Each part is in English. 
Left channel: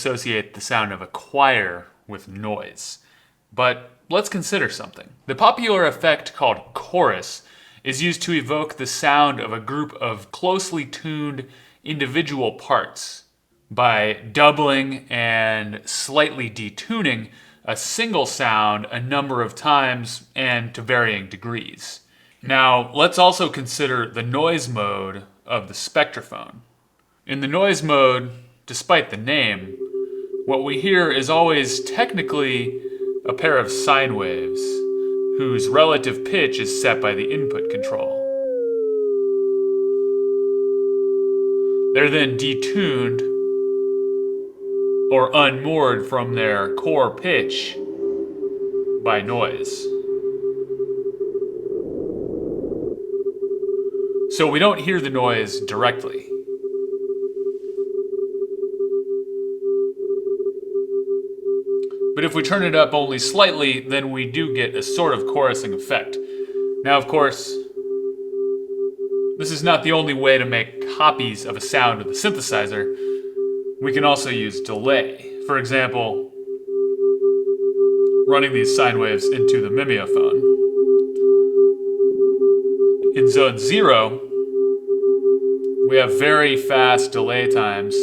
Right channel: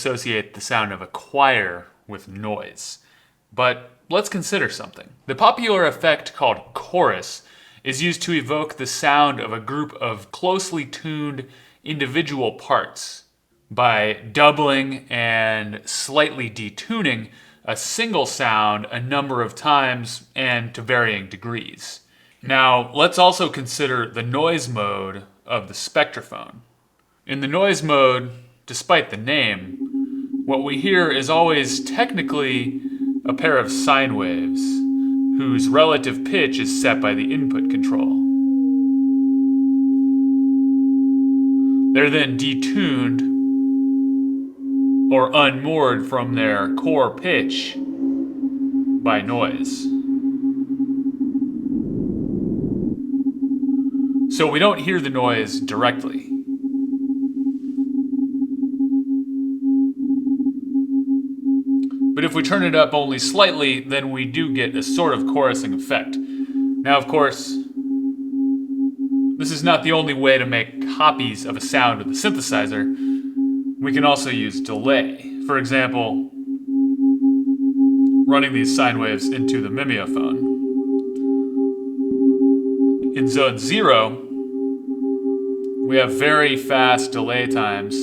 associate the sound of a choir with noise. But let's consider something. The popular effect called chorus is used to evoke the sound of a group of closely tuned individual parts by doubling and slightly detuning a single sound a number of times and to varying degrees. Now, let's also consider the noise mode of the Spectraphon. In the noise mode, despite the name, what we hear is always technically a pair of sine waves whose relative pitch is set by the input control. They're then detuned or unmoored from their core pitch by noise. So we don't hear the noise directly. But if we turn it up only slightly, then we do get a sort of chorusing effect. Now, of course, this is not the only way to make copies of a sound with the synthesizer. We can also use delay. For example, running these sine waves into the mimeophone. In zone 0, we have very fast delay times.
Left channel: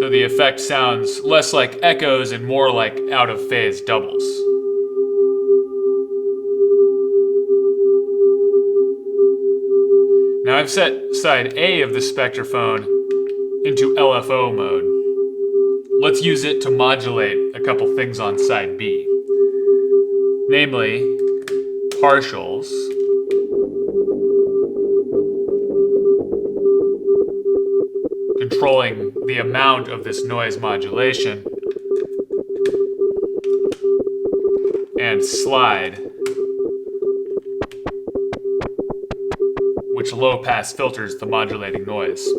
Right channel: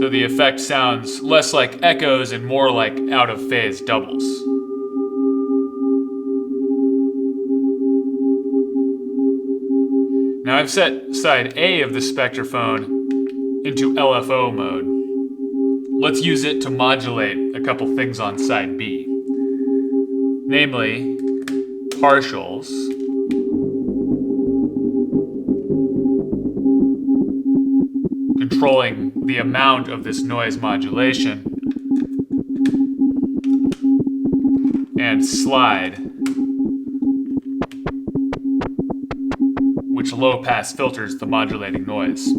So the effect sounds less like echoes and more like out-of-phase doubles. Now I've set side A of the Spectraphon into LFO mode. Let's use it to modulate a couple things on side B. Namely, partials, controlling the amount of this noise modulation, and slide, which low-pass filters the modulating noise.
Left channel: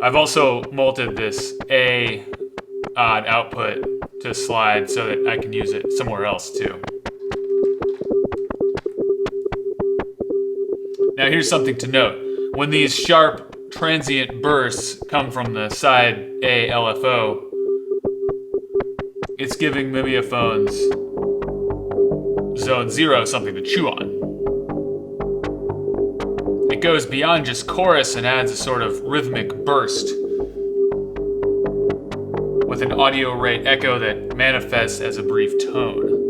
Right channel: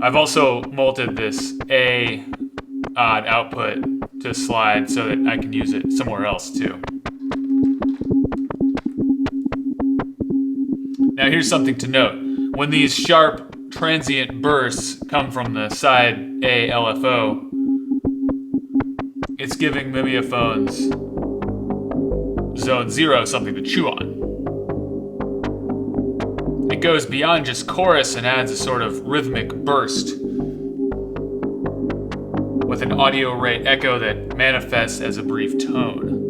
I've also molded this A odd output to slide so that I can use it somewhere else too. Now here's something to note. When these sharp transient bursts come from the side A LFO, it's giving mimeophones zone 0 something to chew on. It goes beyond just chorus and adds a sort of rhythmic burst with an audio rate echo that manifests as a brief tone.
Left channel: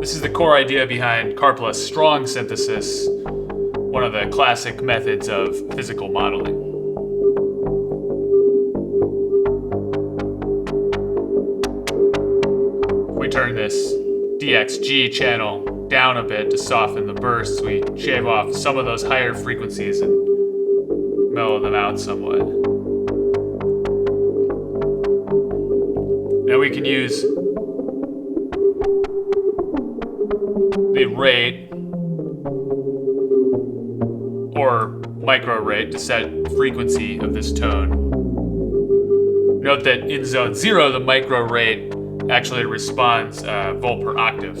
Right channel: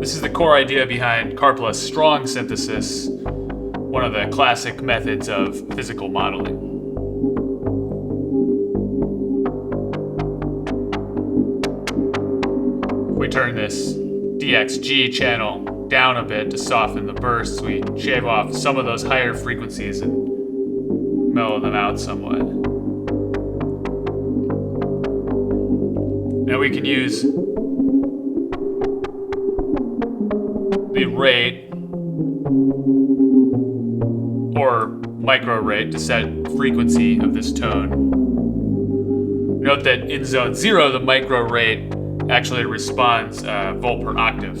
This is the core idea behind Karpla's strong synthesis, one of the classic methods of physical modeling. If we turn this DXG channel down a bit to soften the bursts, we shave off some of those higher frequencies and mellow them out somewhat. Now we can use the rate or micro rate to set frequency of this tone. Note that in zone 0, the micro rate actually responds volt per octave,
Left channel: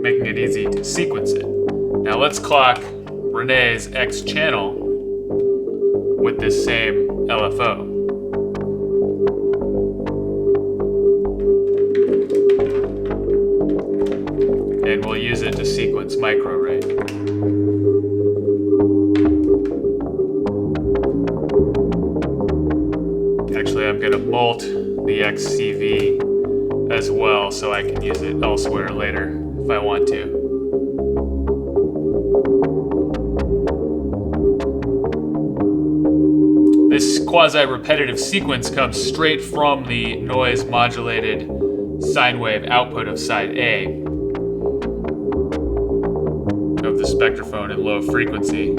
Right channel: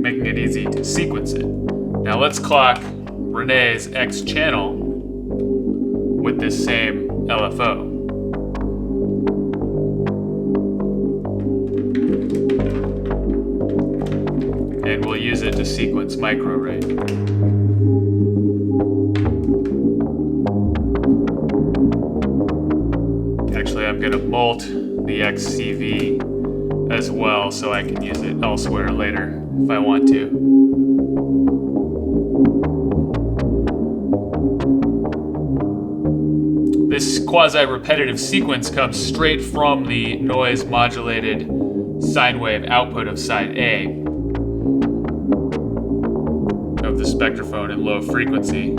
making it easy to sequence it. Now let's clock Renee's X channel with this same LFO. And we'll use it to sequence micro rate. Actually, I'm going to molt the XCV as well so I can use it elsewhere later if I want to. This quasi-repetitive sequence comes straight from the noise-modulated sine wave output of side A of the Spectraphon in low frequency.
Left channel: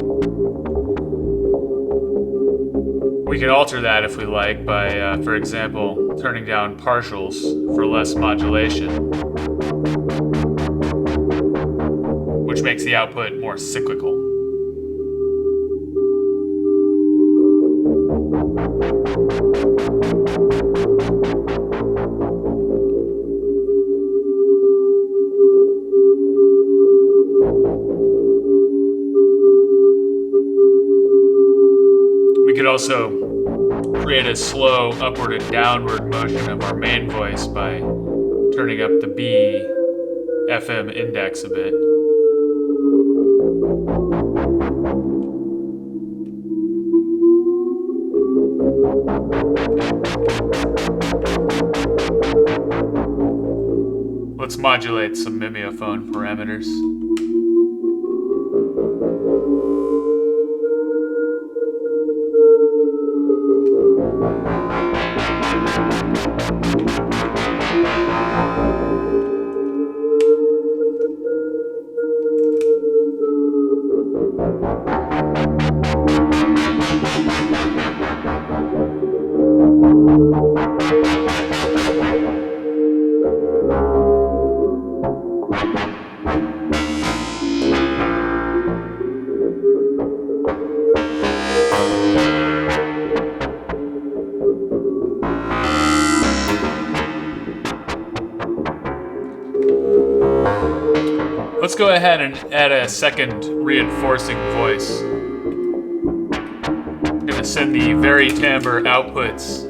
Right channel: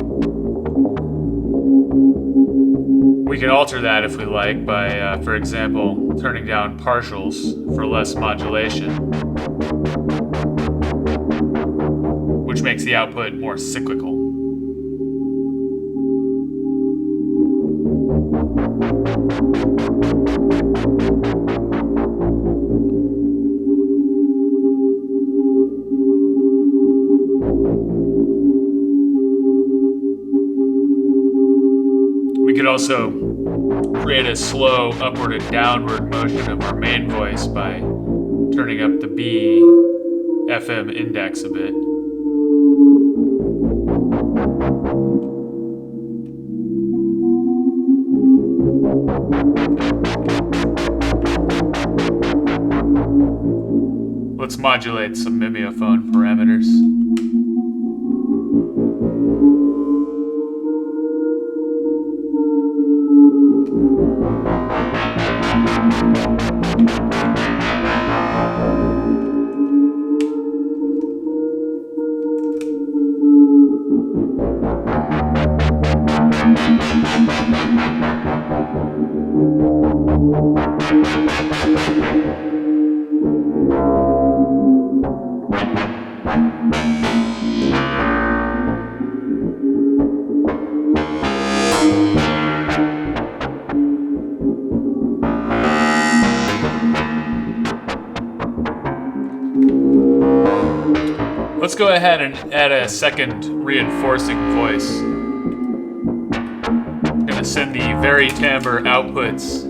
We can alter that if we like by, for example, turning down partials for less modulation, which makes the output more cyclical. could also create a slow upward and downward motion of our main voice by turning up the B FM index a bit. Let's modulate some mimeophone parameters. Let's go ahead and add a second reinforcing voice. I'm gonna send the vari-timbre outputs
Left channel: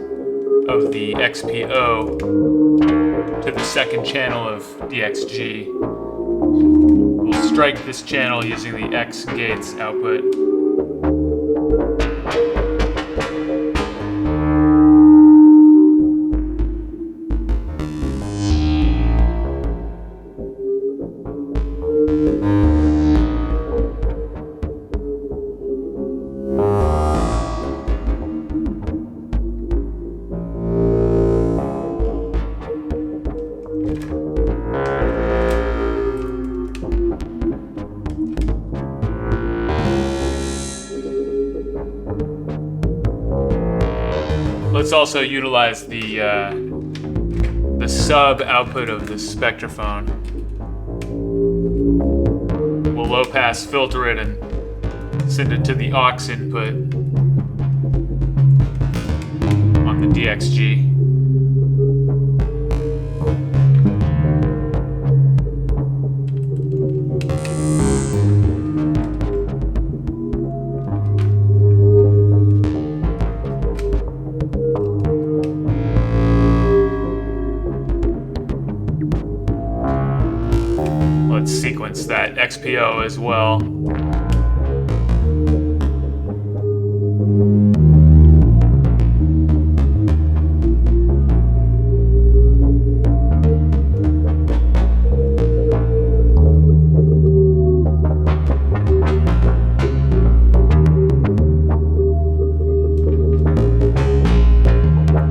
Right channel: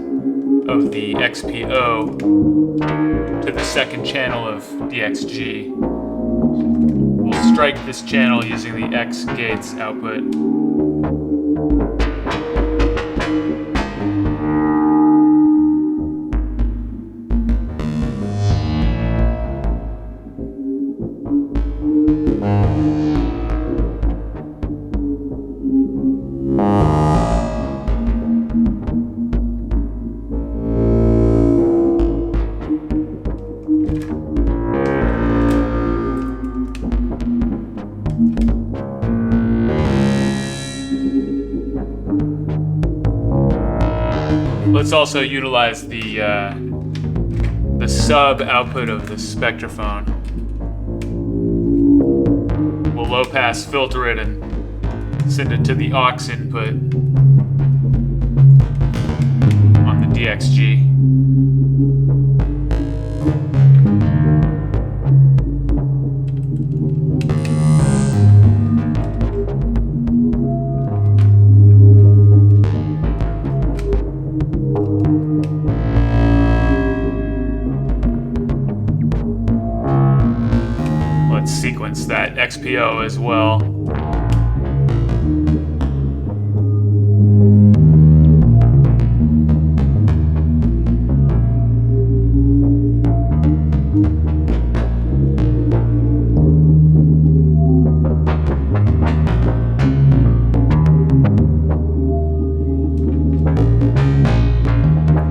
of the XPO to the second channel of DXG. We'll strike this channel using the X gates output. Let's also utilize the sub output of the Spectraphon. We'll low pass filter it and send it to the aux input on the DXG. Let's sequence that XPO as well.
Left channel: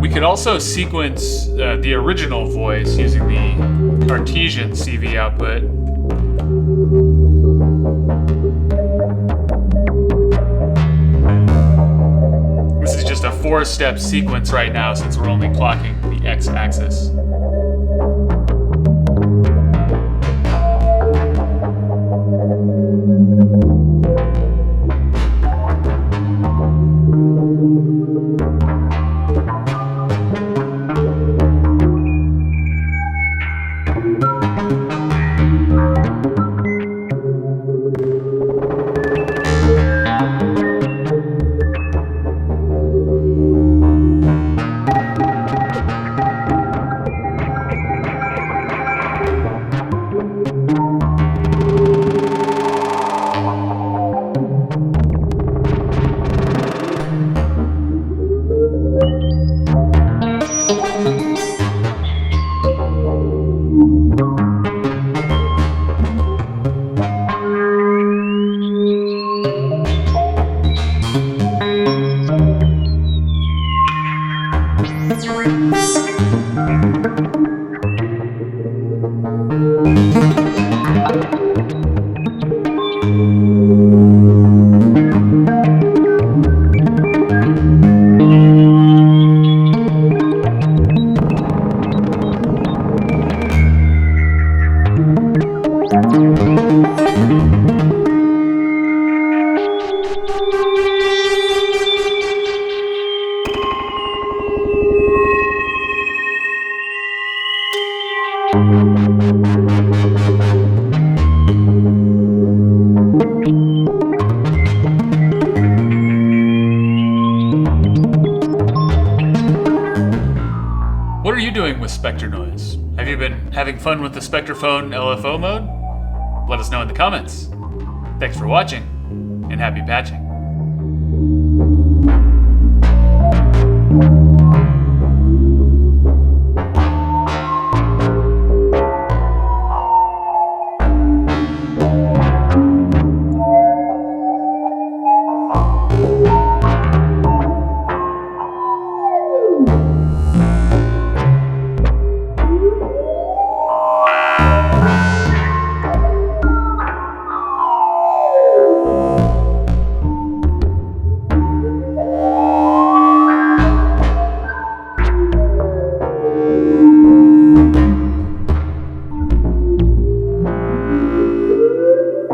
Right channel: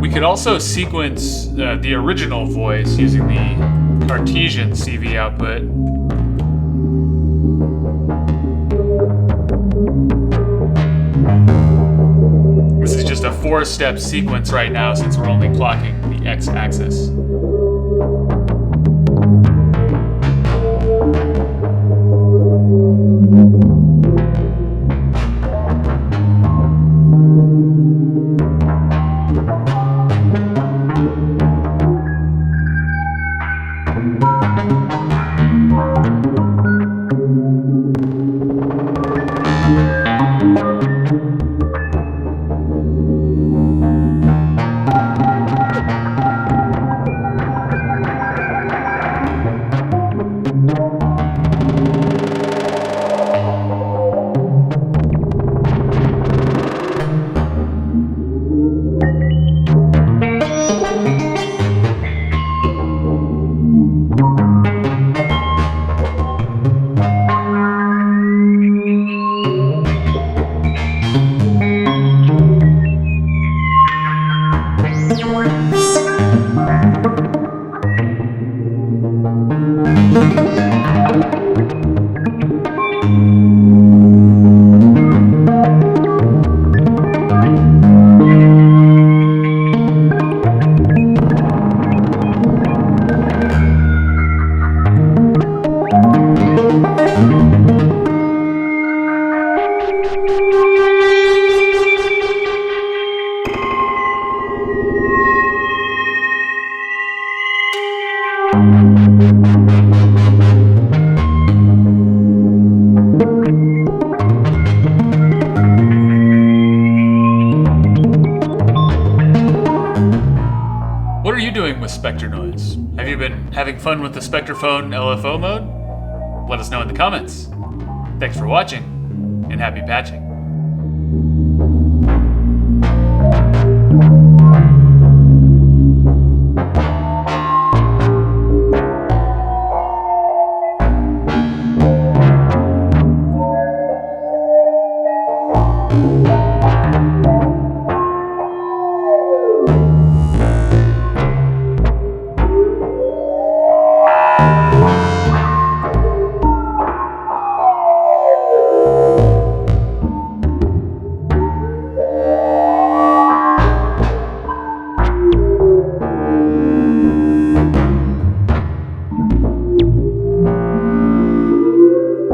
We could also sequence the original voice using the Cartesian CV output. This is just a 4-step sequence right now since we're only clocking the X-axis. spectre noise. Have you been having fun with the Spectraphon LFO mode? Let us know in the comments. Thanks for watching, and happy patching.